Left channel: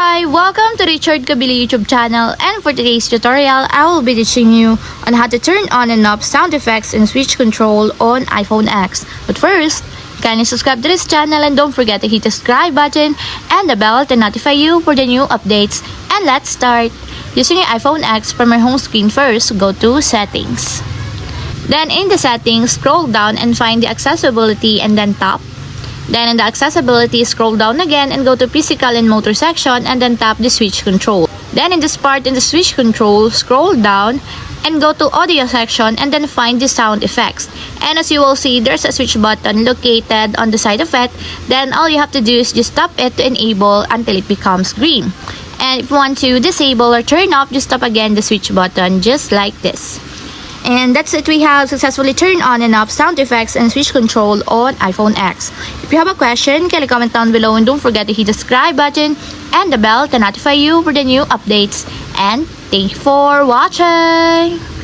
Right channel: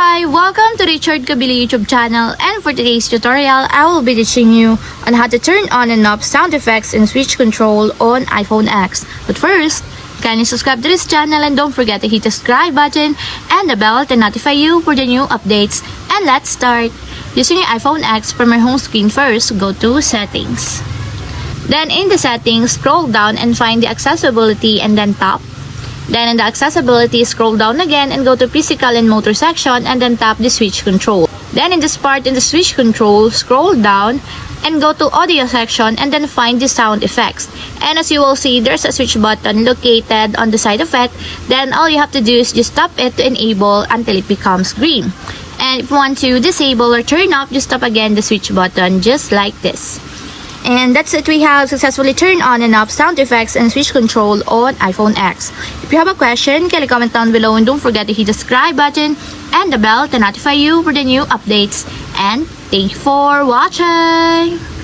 Hi, welcome to Richard Kabili YouTube channel, and for today's tutorial, I will be teaching you on how to turn on and off sound effects and switch control on iPhone X. But first, kindly subscribe to this channel and don't forget to hit the subscribe button and the bell to notify you for the new updates. And let's start. Using your iPhone X, from my home screen first, go to Settings. Then in the Settings, scroll down and find the Accessibility and then tap. Then in the Accessibility, scroll down again and go to Physical and Motor section and then tap the Switch Control. Then in this part in the Switch Control, scroll down and go to Audio section and then find the Sound Effects. And as you will see, there's a switch button located on the side of it. Then all you have to do is just tap it to enable until it becomes green. And if you want to disable or turn off, just tap again the switch button just like this. And that's it, we have successfully turned on and off sound effects and switch control on iPhone X. If you have a question, kindly comment down below and don't forget to hit the subscribe button and the bell to notify you for the new updates. And thank you for watching!